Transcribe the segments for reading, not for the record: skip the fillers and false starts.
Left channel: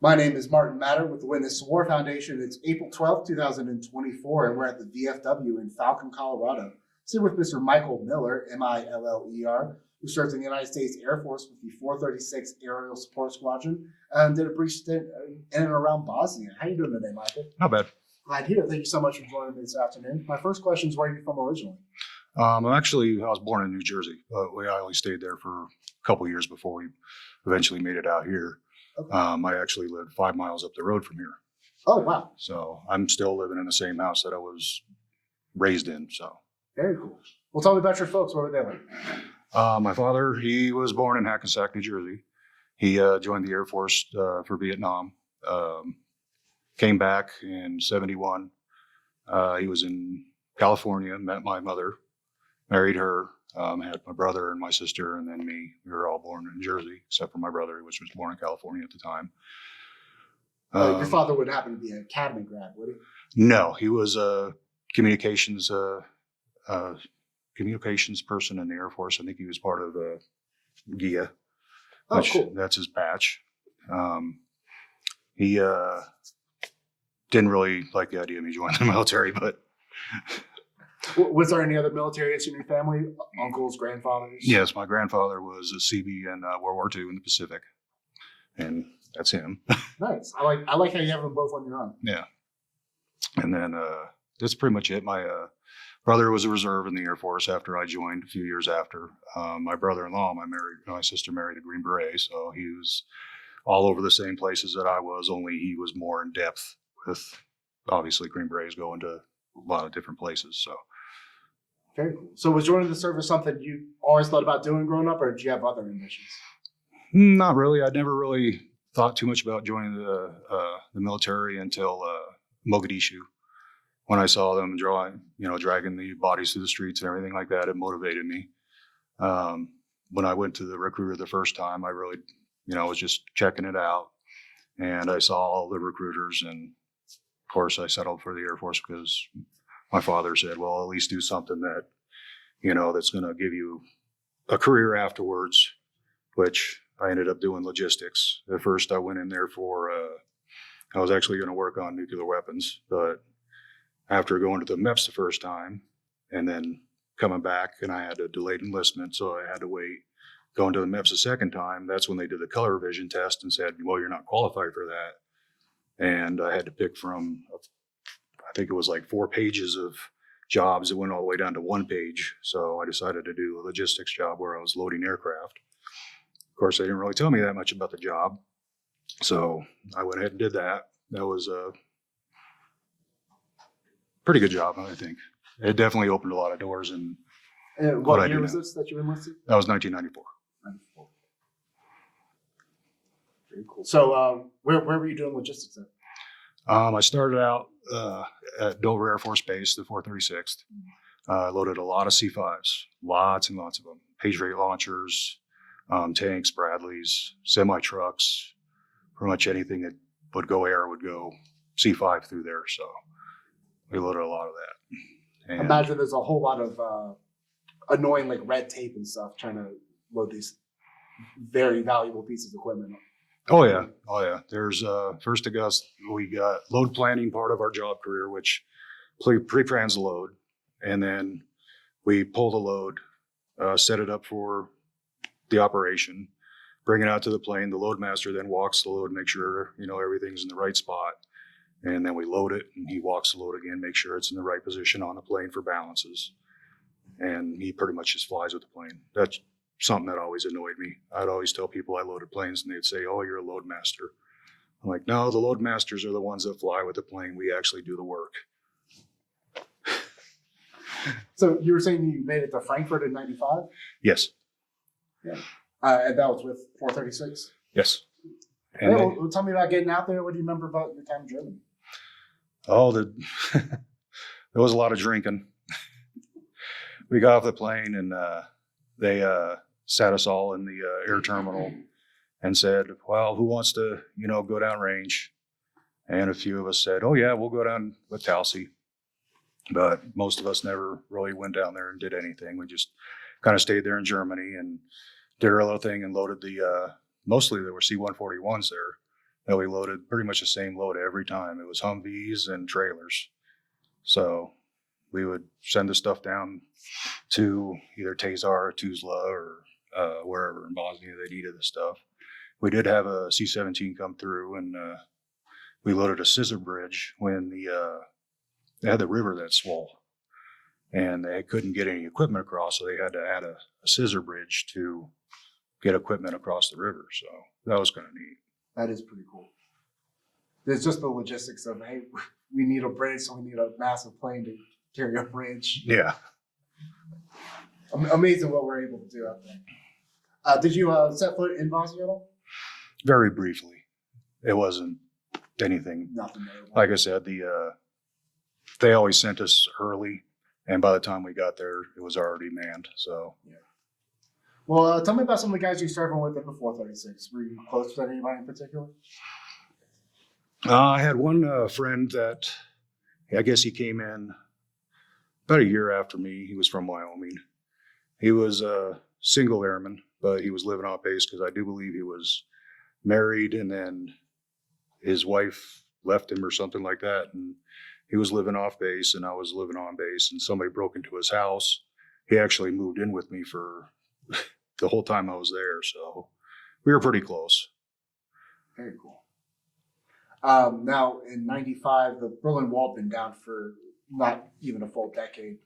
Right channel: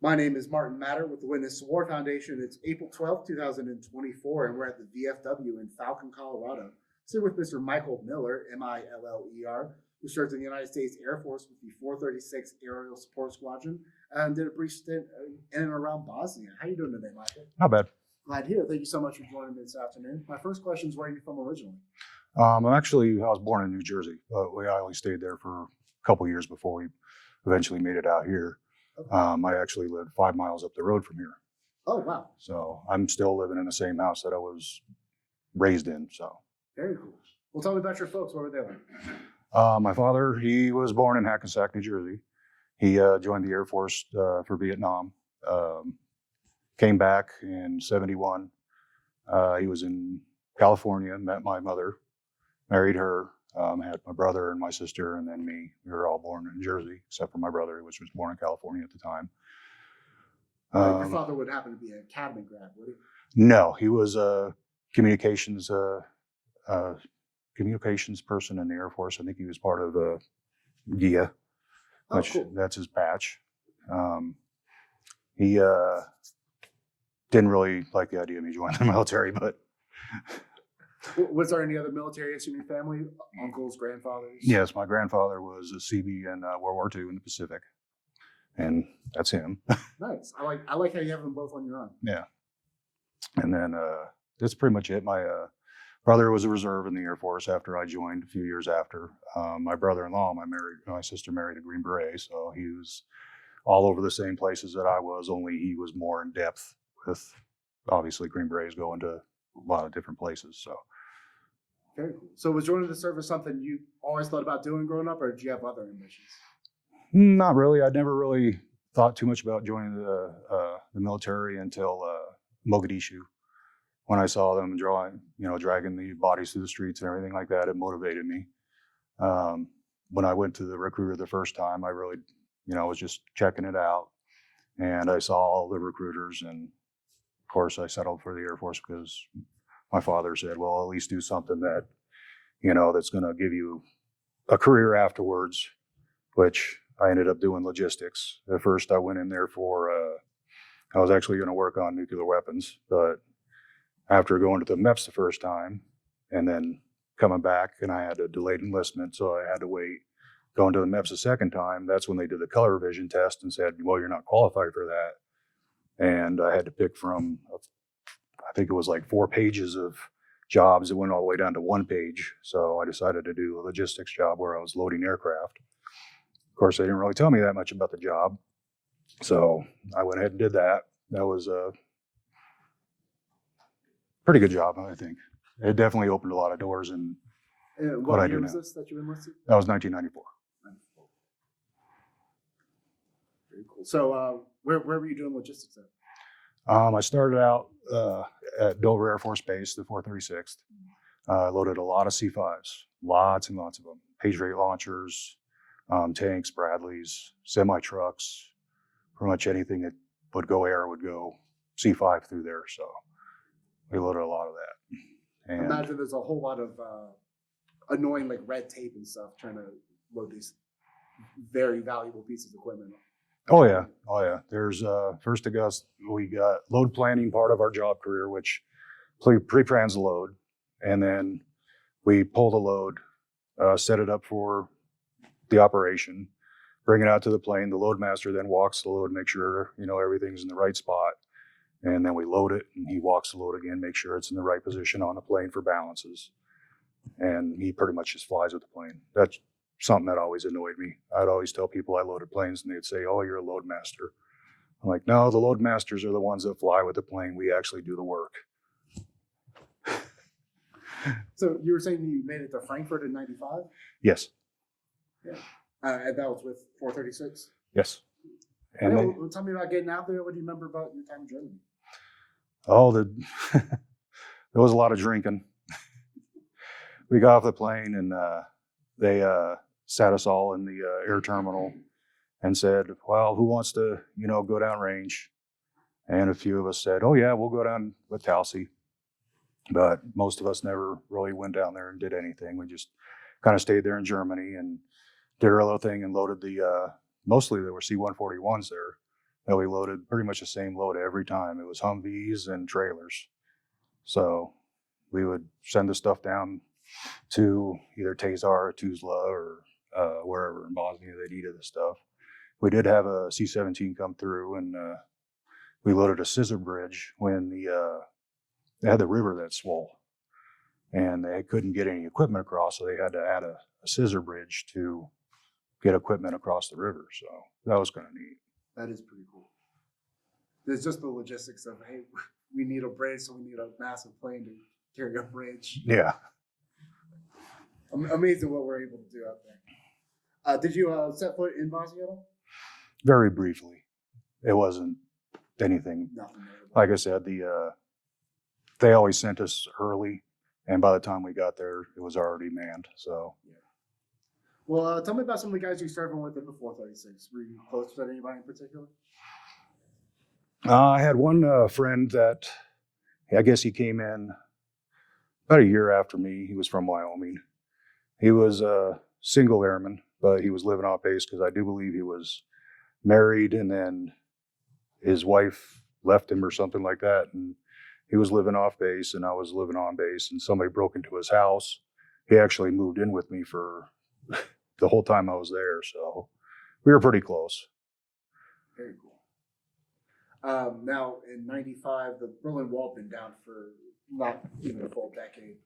My name is Martin Matter with the Witness to War Foundation. It's April 12th, 2024, and we're at the VFW in Falcon, Colorado. Sitting with Mr. Michael Miller, Miller, who serves in the United States Air Force with the 436 Aerial Support Squadron and did a brief stint in and around Bosnia. How are you doing today, Michael? Not bad. Glad to hear. Thank you so much for joining me this afternoon. My first question is, where are you from originally? I was born in New Jersey, but I only stayed there for a couple years before we eventually made it out here. Okay. I actually lived 5 miles up the road from here. Oh, wow. So I'm still living in the same house that I was raised in. So Very cool. Well, tell me about your folks. Where were they live? my father, he was born in Hackensack, New Jersey. He joined the Air Force for Vietnam. Came back in '71. He was in California, met my mother, married her, had my brother and my sister, and then me. We were all born in Jersey, except for my brother, which was born in California at the time. Your father would happen to be an academy grad, would he? No, he was a communications person in the Air Force. I think he was part of GIA, Oh, which cool. that's his batch. He didn't really like the idea of me joining the military, but Was there any other military in your family? Uncles, grandfathers? yes, my grandfather was a CB in World War II in the Pacific, and that's him. Nice. I like how you have them both on your own. Yeah, and then that's pretty much it. My brother was a reserve in the Air Force after I joined. A few years after, my brother-in-law, my sister married a Green Beret, so he was all over the same places that I was. Only he was more in depth with. Obviously, Green Berets go into a lot of different places, so. Very cool. So was joining the service something you always thought about doing growing up, or did you have other ambitions? Not really. I never really thought too much about joining the military until Mogadishu. When I saw them dragging the bodies through the streets and everything like that, it motivated me. When I went to the recruiter the first time, I really, was just checking it out, and I saw all the recruiters, and of course I settled for the Air Force because my father said, well, at least do something that, that's going to give you a career afterwards, which I ended up doing logistics. At first I went in there I was actually going to work on nuclear weapons, but after going to the MEPS the first time and then coming back, and I had a delayed enlistment, so I had to wait. Going to the MEPS the second time, that's when they did the color vision test and said, well, you're not qualified for that. And I had to pick from, I think it was like 4 pages of jobs that went all the way down to 1 page. So I decided to do a logistics job where I was loading aircraft. Of course, they didn't really tell me that much about the job. So I went ahead and did that. That was a pretty good job, I think. It definitely opened a lot of doors. And What year was this that you enlisted? that was 1994. 94. Very cool. So where were you doing logistics at? I started out at Dover Air Force Base, the 436th. I loaded a lot of C5s, lots and lots of them. Page rate launchers, tanks, Bradleys, semi-trucks, pretty much anything that would go air would go C5 through there. So we loaded a lot of that. And Imagine there's a whole lot of annoying red tape and stuff trying to load these very valuable pieces of equipment. Oh yeah. There's first we got load planning, part of our job career, which pre-plans the load, and then we pull the load, set it up for the operation, bring it out to the plane. The load master then walks the load, make sure everything's in the right spot, and then we load it, and he walks the load again, make sure it's in the right position on the plane for balances, and he pretty much just flies with the plane. That's something that always annoyed me. I'd always tell people I loaded planes, and they'd say, oh, you're a load master. I'm like, no, the load masters are the ones that fly with the plane. We actually do the work. So you were saying you made it to Frankfurt in 95? Yes. Yeah. And that was with 436? Yes. Hey, well, tell me about getting out there. What do you remember about your time in Germany? Oh, there was a lot of drinking. We got off the plane, and they sat us all in the air terminal and said, well, who wants to, go down range? And a few of us said, oh yeah, we'll go down with Talsi. But most of us never really went down there and did anything. We just kind of stayed there in Germany and did our little thing and loaded mostly there were C-141s there. that we loaded pretty much the same load every time. It was Humvees and trailers. So we would send the stuff down to either Tazar or Tuzla or wherever in Bosnia they needed the stuff. We did have a C-17 come through, and we loaded a scissor bridge when they had the river that swole, and they couldn't get any equipment across, so they had to add a scissor bridge to get equipment across the river. So that was kind of neat. That is pretty cool. There's just the logistics of, hey, we need a bridge, so we need a massive plane to carry a bridge. Yeah. Amazing what we're able to do out there. Did you set foot in Bosnia at all? Very briefly. It wasn't anything. Nothing. Like I said, they always sent us early, and by the time we got there, it was already manned. So. Yeah. Well, tell me about some of the guys you started with in the 436. Were you close to anybody in particular? I had one friend that, I guess he came in about a year after me. He was from Wyoming. He was a single airman, but he was living off base because I do believe he was married, and then his wife left him or something like that. And he was living off base, and I was living on base, and somebody broke into his house. He actually moved in with me for the whole time I was there. So we were pretty close. Very cool. Now, in 95, the Berlin Wall had been down for not even a full decade.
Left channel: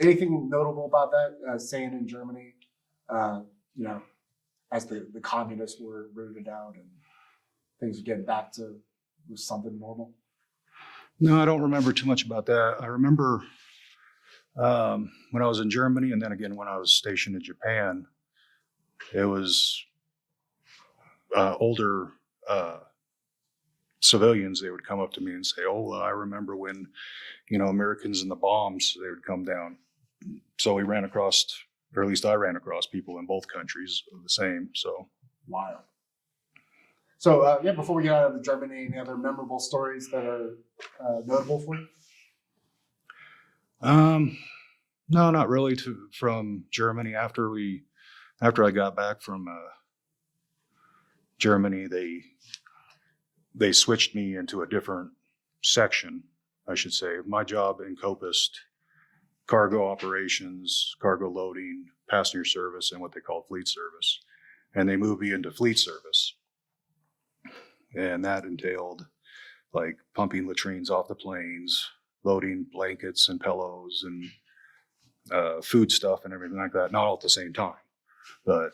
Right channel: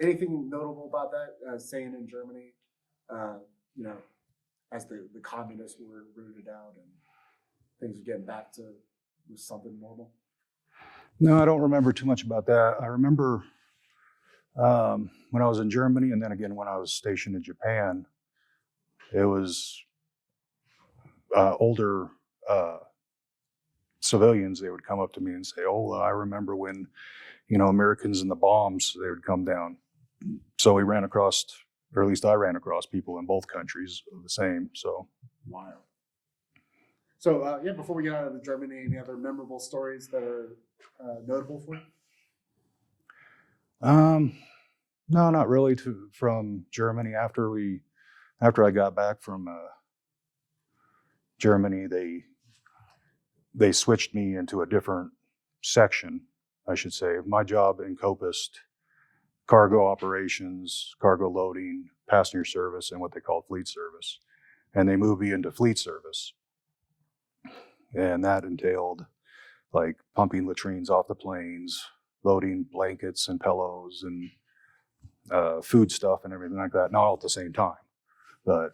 Anything notable about that, staying in Germany, as the communists were rooted out and things were getting back to something normal? No, I don't remember too much about that. I remember when I was in Germany, and then again when I was stationed in Japan, it was older civilians. They would come up to me and say, "Oh, I remember when, Americans and the bombs, they would come down." So we ran across, or at least I ran across people in both countries the same. So wild. So before we get out of the Germany, any other memorable stories that are notable for you? No, not really. From Germany, after I got back from Germany, they switched me into a different section, I should say. My job encompassed cargo operations, cargo loading, passenger service, and what they call fleet service. And they moved me into fleet service. And that entailed like pumping latrines off the planes, loading blankets and pillows and food stuff and everything like that. Not all at the same time. But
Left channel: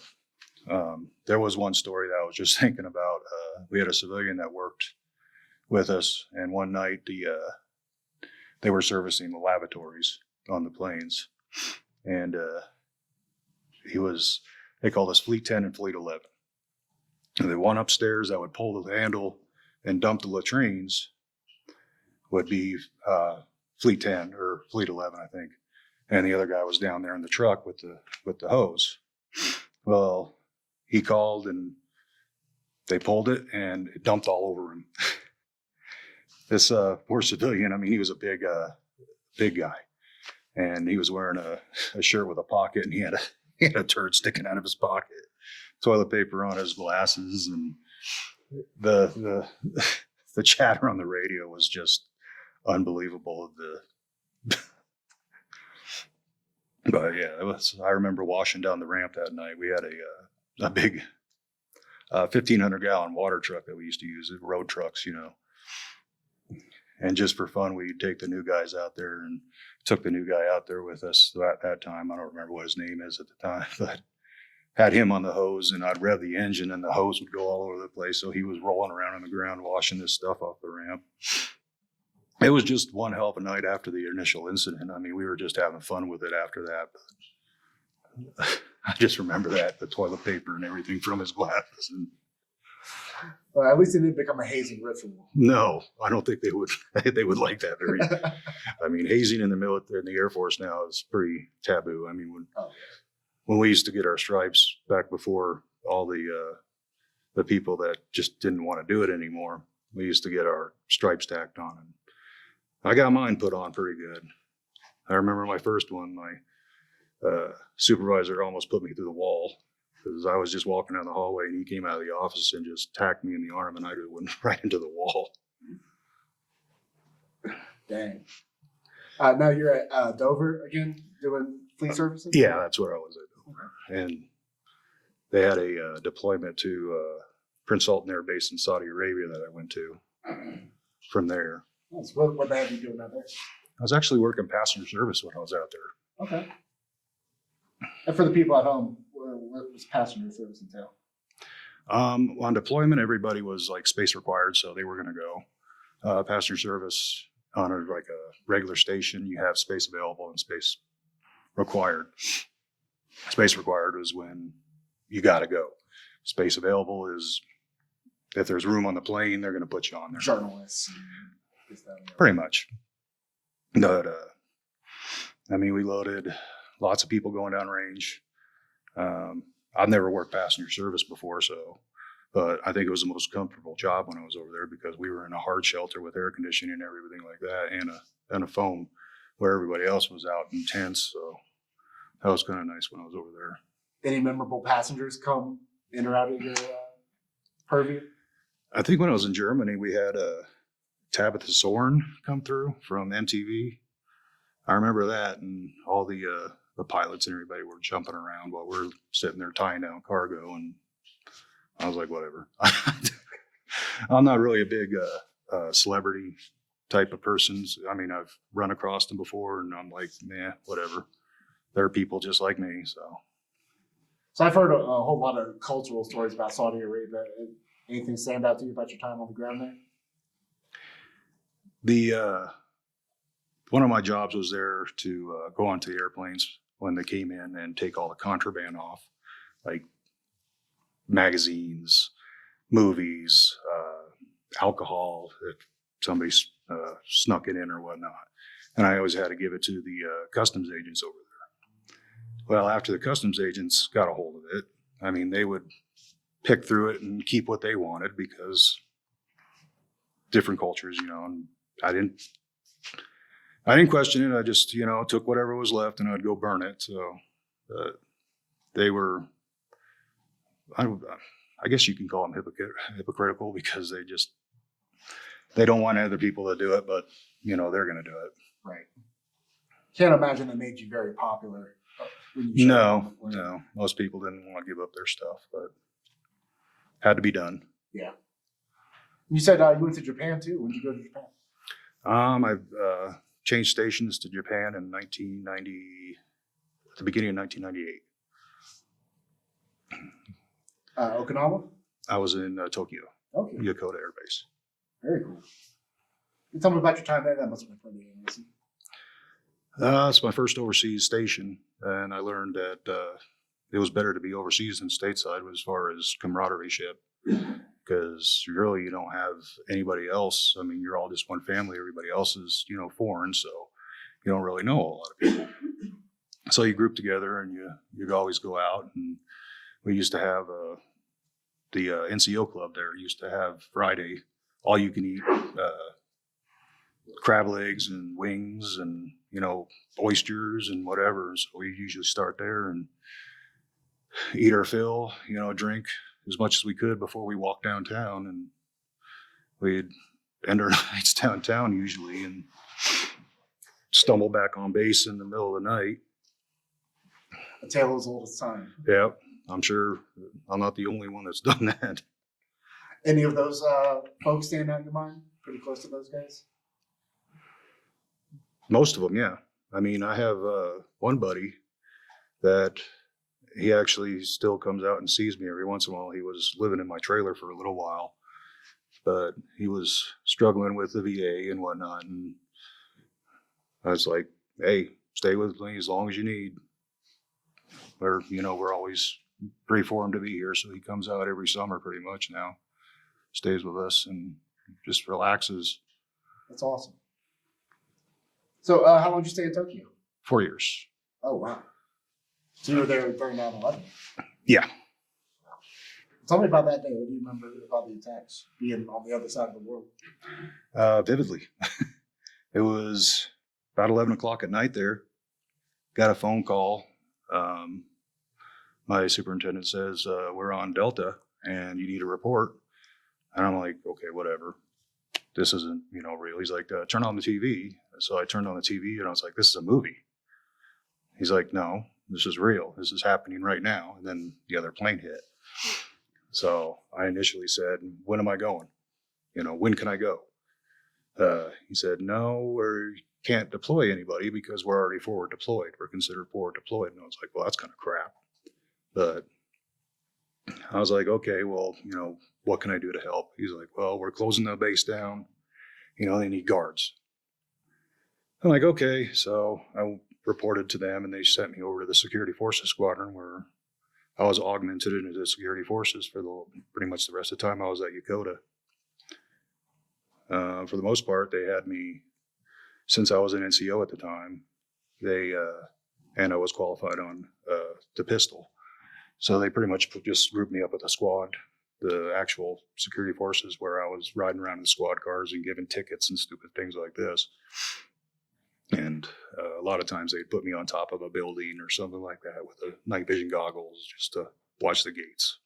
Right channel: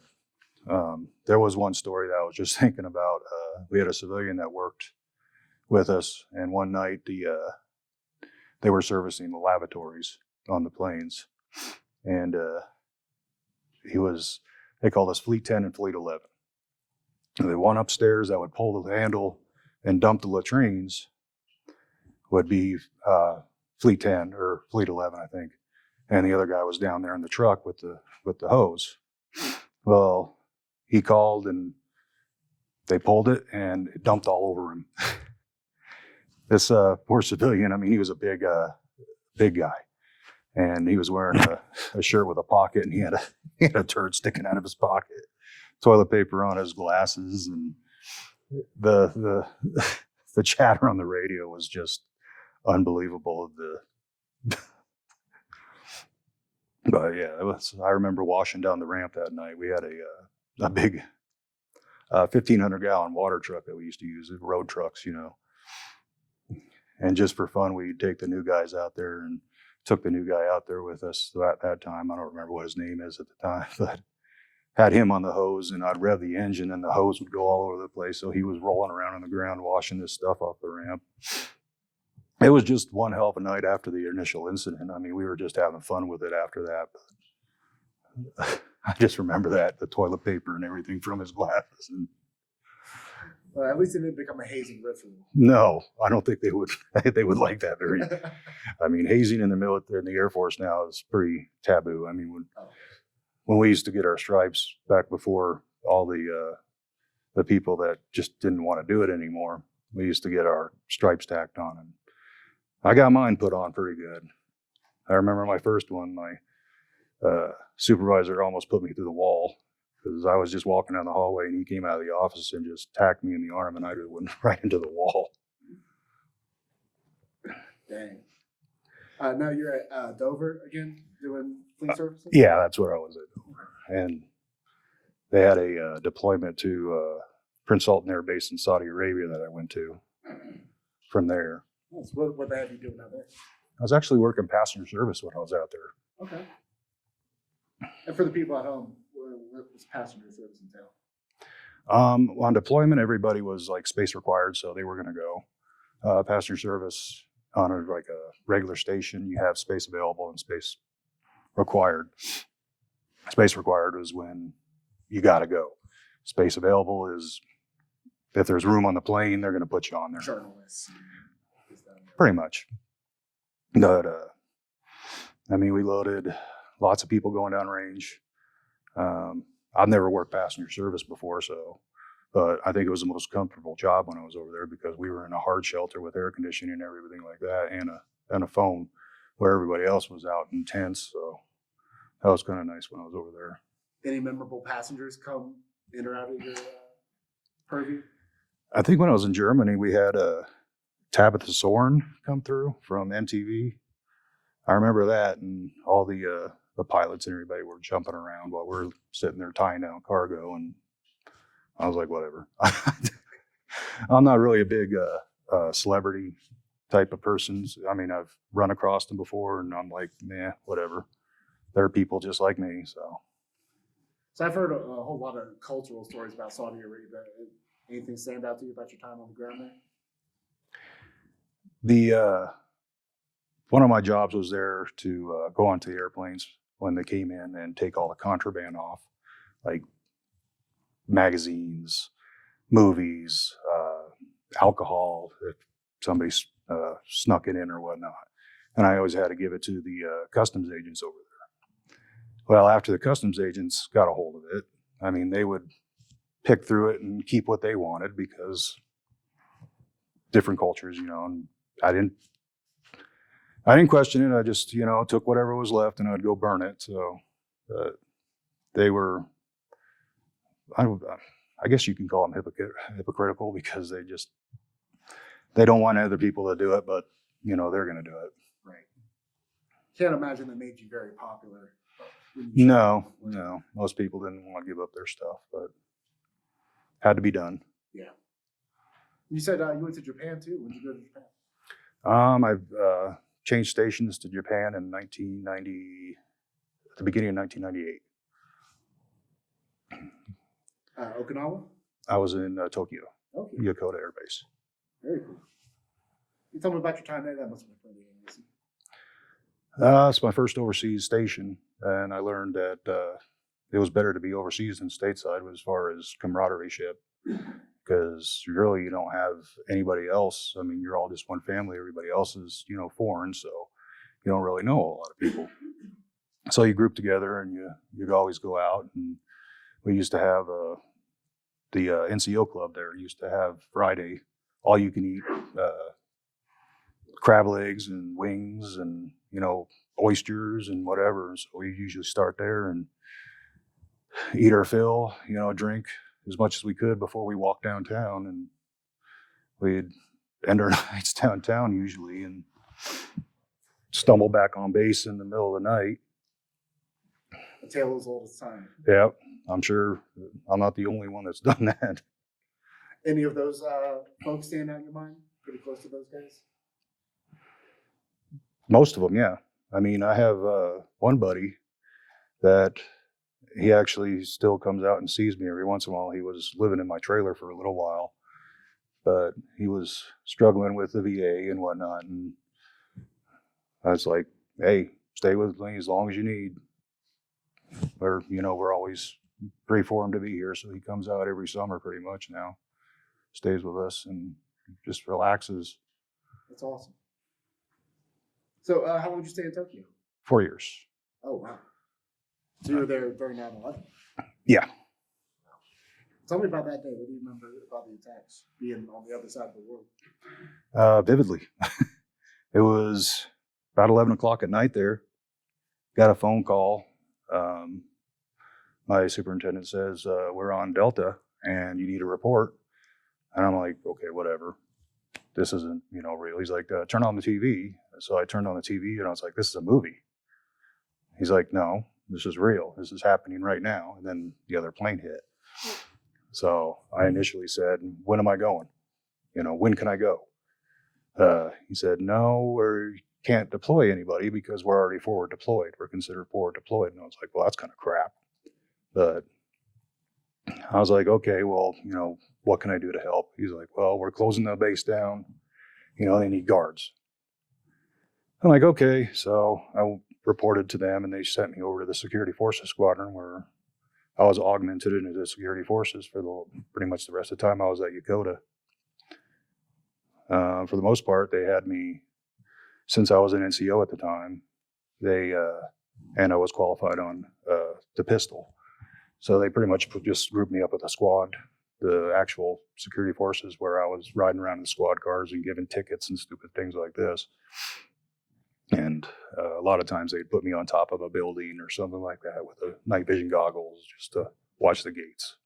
there was one story that I was just thinking about. We had a civilian that worked with us, and one night they were servicing the lavatories on the planes, and they called us Fleet 10 and Fleet 11. And the one upstairs that would pull the handle and dump the latrines would be Fleet 10 or Fleet 11, I think. And the other guy was down there in the truck with the hose. Well, he called and they pulled it and it dumped all over him. This poor civilian, I mean, he was a big guy. And he was wearing a shirt with a pocket, and he had a turd sticking out of his pocket, toilet paper on his glasses, and the chatter on the radio was just unbelievable. But yeah, I remember washing down the ramp that night. We had a big 1,500-gallon water truck that we used to use, road trucks, And just for fun, we'd take the new guys out there, and took the new guy out there with us at that time. I don't remember what his name is at the time, but had him on the hose, and I'd rev the engine and the hose would go all over the place. So he was rolling around on the ground, washing this stuff off the ramp. It was just one hell of a night after the initial incident. I mean, we were just having fun with it after that. But I just remember the toilet paper and everything from his glasses. And well, at least it didn't become a hazing ritual. no, I don't think they would. They would like that very. I mean, hazing in the military, in the Air Force now is pretty taboo. I mean, when we used to get our stripes back before all the people that just didn't want to do it anymore, we used to get our stripes tacked on, and I got mine put on pretty good. I remember my first one. My supervisor almost put me through the wall because I was just walking down the hallway and he came out of the office and just tacked me in the arm and I just went right into the wall. Dang. Now you're at Dover again doing fleet services? Yeah, that's where I was at. And they had a deployment to Prince Sultan Air Base in Saudi Arabia that I went to from there. Nice. What they have you doing out there? I was actually working passenger service when I was out there. Okay. And for the people at home, what was passenger service entail? On deployment, everybody was like space required, so they were going to go. Passenger service on a regular station, you have space available and space required. Space required is when you got to go. Space available is if there's room on the plane, they're going to put you on there. Journalists. Pretty much. But I mean, we loaded lots of people going down range. I've never worked passenger service before, but I think it was the most comfortable job when I was over there because we were in a hard shelter with air conditioning and everything like that, and a phone where everybody else was out in tents. So that was kind of nice when I was over there. Any memorable passengers come in or out of your purview? I think when I was in Germany, we had Tabitha Soren come through from MTV. I remember that, and all the pilots and everybody were jumping around while we're sitting there tying down cargo, and I was like, whatever. I'm not really a big celebrity type of person. I mean, I've run across them before, and I'm like, nah, whatever. They're people just like me, so. So I've heard a whole lot of cultural stories about Saudi Arabia. Anything stand out to you about your time on the ground there? One of my jobs was there to go onto the airplanes when they came in and take all the contraband off, like magazines, movies, alcohol, if somebody snuck it in or whatnot. And I always had to give it to the customs agents over there. Well, after the customs agents got a hold of it, I mean, they would pick through it and keep what they wanted because different cultures, and I didn't question it. I just, took whatever was left and I'd go burn it. So they were, I guess you can call them hypocritical because they don't want other people to do it, but they're going to do it. Right. Can't imagine that made you very popular. No. Most people didn't want to give up their stuff, but had to be done. Yeah. You said you went to Japan too. When did you go to Japan? I've changed stations to Japan in 1990, at the beginning of 1998. Okinawa? I was in Tokyo, Okay. Yokota Air Base. Very cool. You tell me about your time there. That must have been pretty amazing. It's my first overseas station, and I learned that it was better to be overseas than stateside as far as camaraderie ship, because really you don't have anybody else. I mean, you're all just one family. Everybody else is, foreign, so you don't really know a lot of people. So you group together and you always go out. And we used to have the NCO club there used to have Friday all you can eat crab legs and wings and oysters and whatever. So we usually start there and eat our fill, drink as much as we could before we walked downtown, and we'd end our nights downtown usually and stumble back on base in the middle of the night. A tale as old as time. Yep. I'm sure I'm not the only one that's done that. Any of those folks stand out in your mind? Pretty close to those guys? Most of them, yeah. I mean, I have one buddy that he actually still comes out and sees me every once in a while. He was living in my trailer for a little while, but he was struggling with the VA and whatnot. And I was like, hey, stay with me as long as you need. Or, we're always pray for him to be here. So he comes out every summer pretty much now, stays with us and just relaxes. That's awesome. So how long did you stay in Tokyo? 4 years. Oh, wow. So you were there during 9/11? Yeah. Tell me about that day. What do you remember about the attacks, being on the other side of the world? Vividly. It was about 11 o'clock at night there. Got a phone call. my superintendent says, we're on Delta and you need a report. And I'm like, okay, whatever. This isn't, real. He's like, turn on the TV. So I turned on the TV and I was like, this is a movie. He's like, no, this is real. This is happening right now. And then the other plane hit. So I initially said, when am I going? When can I go? He said, no, we can't deploy anybody because we're already forward deployed. We're considered forward deployed. And I was like, well, that's kind of crap. But I was like, okay, well, what can I do to help? He's like, well, we're closing the base down. They need guards. I'm like, okay. So I reported to them and they sent me over to the Security Forces Squadron where I was augmented into the Security Forces for pretty much the rest of the time I was at Yokota. For the most part, they had me, since I was an NCO at the time, and I was qualified on the pistol. So they pretty much just grouped me up with a squad, the actual security forces, where I was riding around in squad cars and giving tickets and stupid things like this. And a lot of times they'd put me on top of a building or something like that with the night vision goggles just to watch the gates.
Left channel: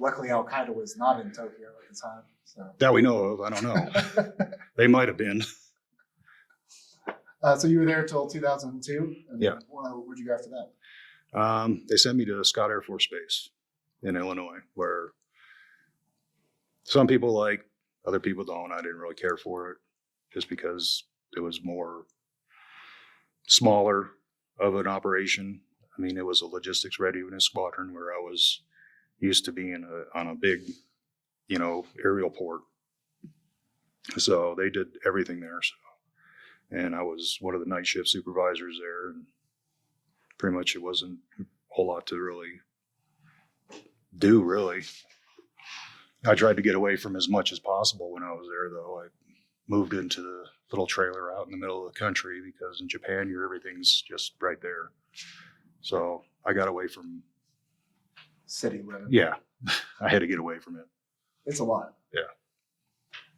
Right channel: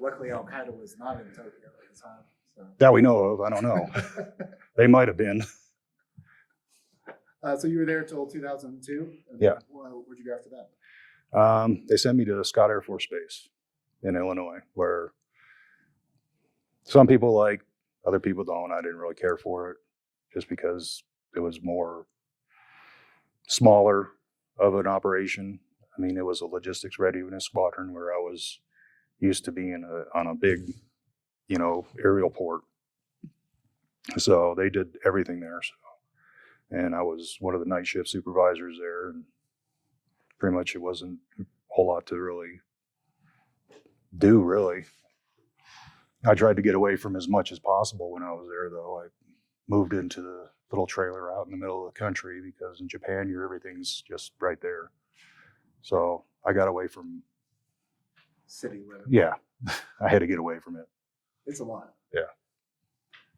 Luckily, Al Qaeda was not in Tokyo at the time. So. That we know of. I don't know. They might have been. So you were there till 2002? Yeah. Where'd you go after that? They sent me to Scott Air Force Base in Illinois, where some people like, other people don't. I didn't really care for it just because it was more smaller of an operation. I mean, it was a logistics readiness squadron where I was used to being on a big, aerial port. So they did everything there. And I was one of the night shift supervisors there, and pretty much it wasn't a whole lot to really do, really. I tried to get away from as much as possible when I was there, though. I moved into the little trailer out in the middle of the country because in Japan, everything's just right there. So I got away from city living. Yeah, I had to get away from it. It's a lot. Yeah.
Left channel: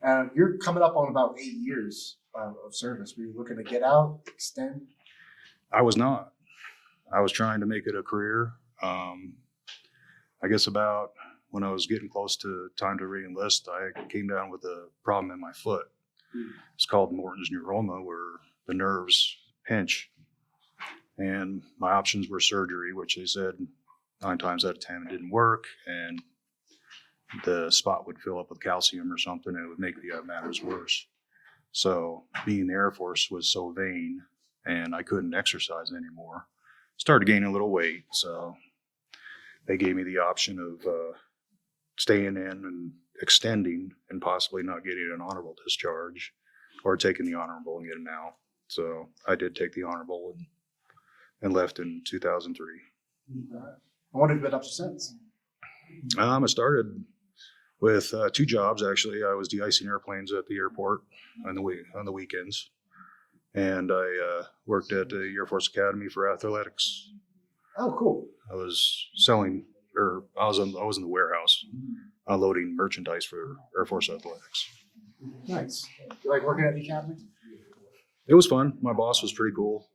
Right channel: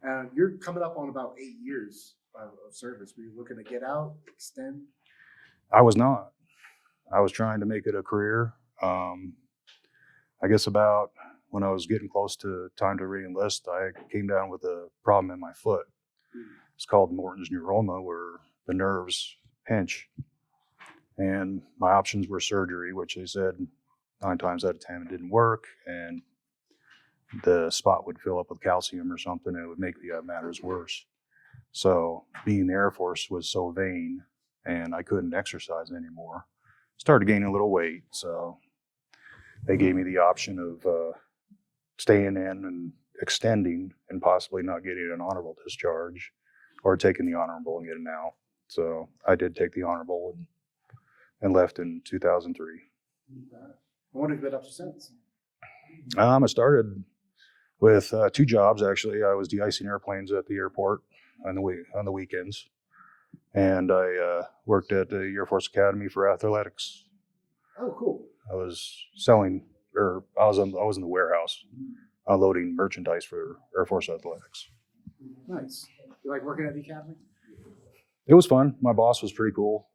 And you're coming up on about 8 years of service. Were you looking to get out, extend? I was not. I was trying to make it a career. I guess about when I was getting close to time to re-enlist, I came down with a problem in my foot. It's called Morton's neuroma, where the nerves pinch. And my options were surgery, which they said 9 times out of 10 it didn't work, and the spot would fill up with calcium or something, and it would make the matters worse. So being in the Air Force was so vain, and I couldn't exercise anymore. Started gaining a little weight, so they gave me the option of staying in and extending and possibly not getting an honorable discharge, or taking the honorable and getting out. So I did take the honorable and left in 2003. What have you been up to since? I started with 2 jobs, actually. I was de-icing airplanes at the airport on the weekends, and I worked at the Air Force Academy for athletics. Oh, cool. I was selling, or I was in the warehouse unloading merchandise for Air Force athletics. Nice. You like working at the academy? It was fun. My boss was pretty cool.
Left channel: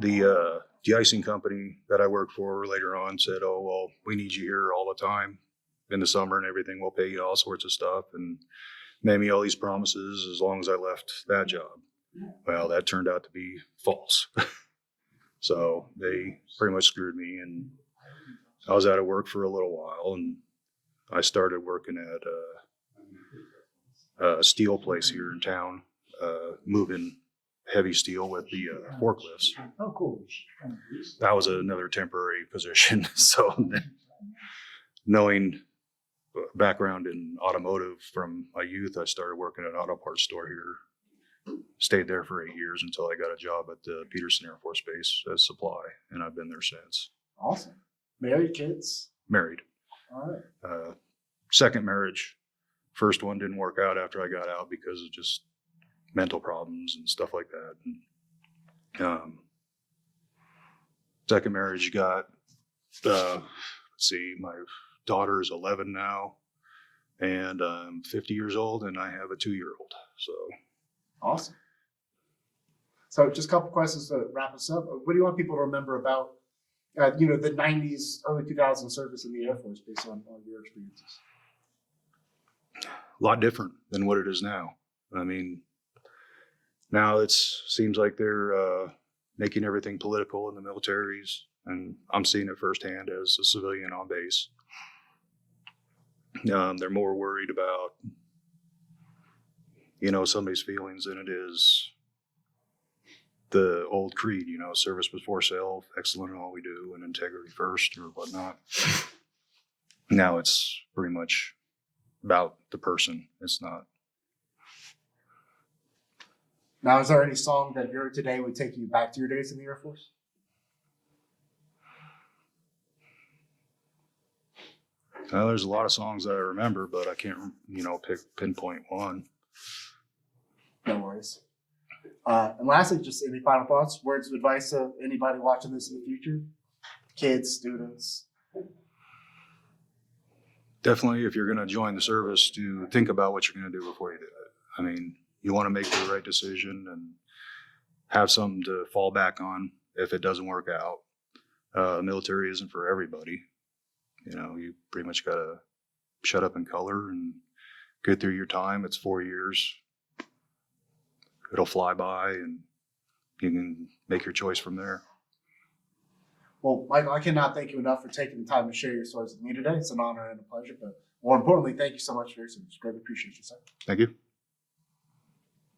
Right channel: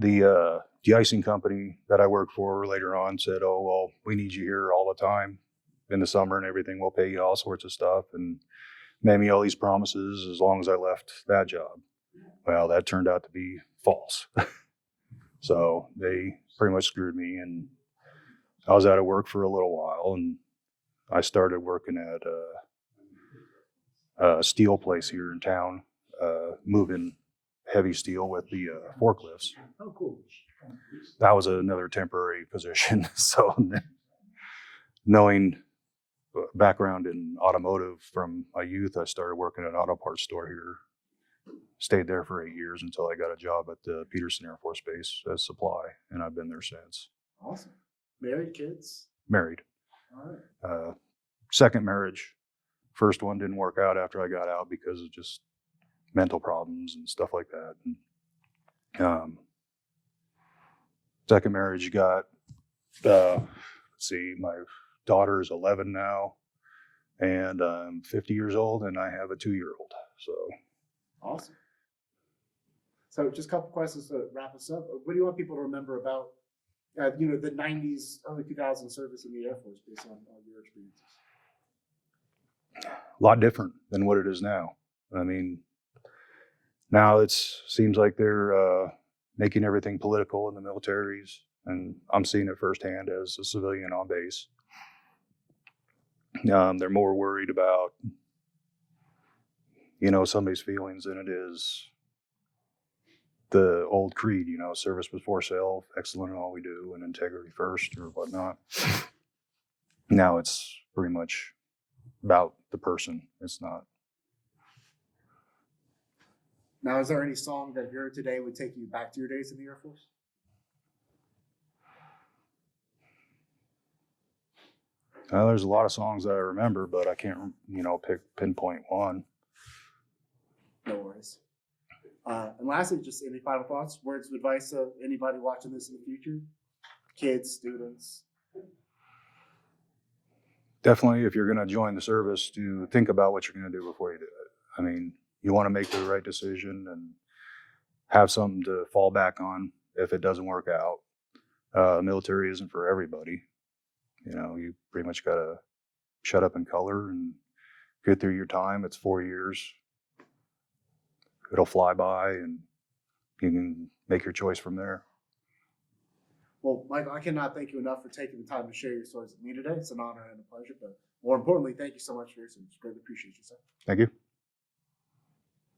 The de-icing company that I worked for later on said, oh, well, we need you here all the time in the summer and everything. We'll pay you all sorts of stuff, and made me all these promises as long as I left that job. Well, that turned out to be false. So they pretty much screwed me, and I was out of work for a little while, and I started working at a steel place here in town, moving heavy steel with the forklifts. Oh, cool. That was another temporary position. So knowing background in automotive from my youth, I started working at an auto parts store here. Stayed there for 8 years until I got a job at the Peterson Air Force Base as supply, and I've been there since. Awesome. Married, kids? Married. All right. Second marriage. First one didn't work out after I got out because of just mental problems and stuff like that. And, second marriage got, let's see, my daughter is 11 now, and I'm 50 years old, and I have a 2-year-old. So awesome. So just a couple questions to wrap us up. What do you want people to remember about the 90s, early 2000s service in the Air Force based on your experiences? A lot different than what it is now. I mean, now it seems like they're making everything political in the militaries, and I'm seeing it firsthand as a civilian on base. They're more worried about, somebody's feelings than it is the old creed, service before self, excellent in all we do, and integrity first, or whatnot. Now it's pretty much about the person. It's not. Now, is there any song that you heard today would take you back to your days in the Air Force? There's a lot of songs that I remember, but I can't, pinpoint one. No worries. And lastly, just any final thoughts, words of advice to anybody watching this in the future? Kids, students? Definitely, if you're going to join the service, to think about what you're going to do before you do it. I mean, you want to make the right decision and have something to fall back on if it doesn't work out. Military isn't for everybody. You pretty much got to shut up and color and get through your time. It's 4 years. It'll fly by, and you can make your choice from there. Well, Michael, I cannot thank you enough for taking the time to share your stories with me today. It's an honor and a pleasure. But more importantly, thank you so much for your service. Greatly appreciate you, sir. Thank you.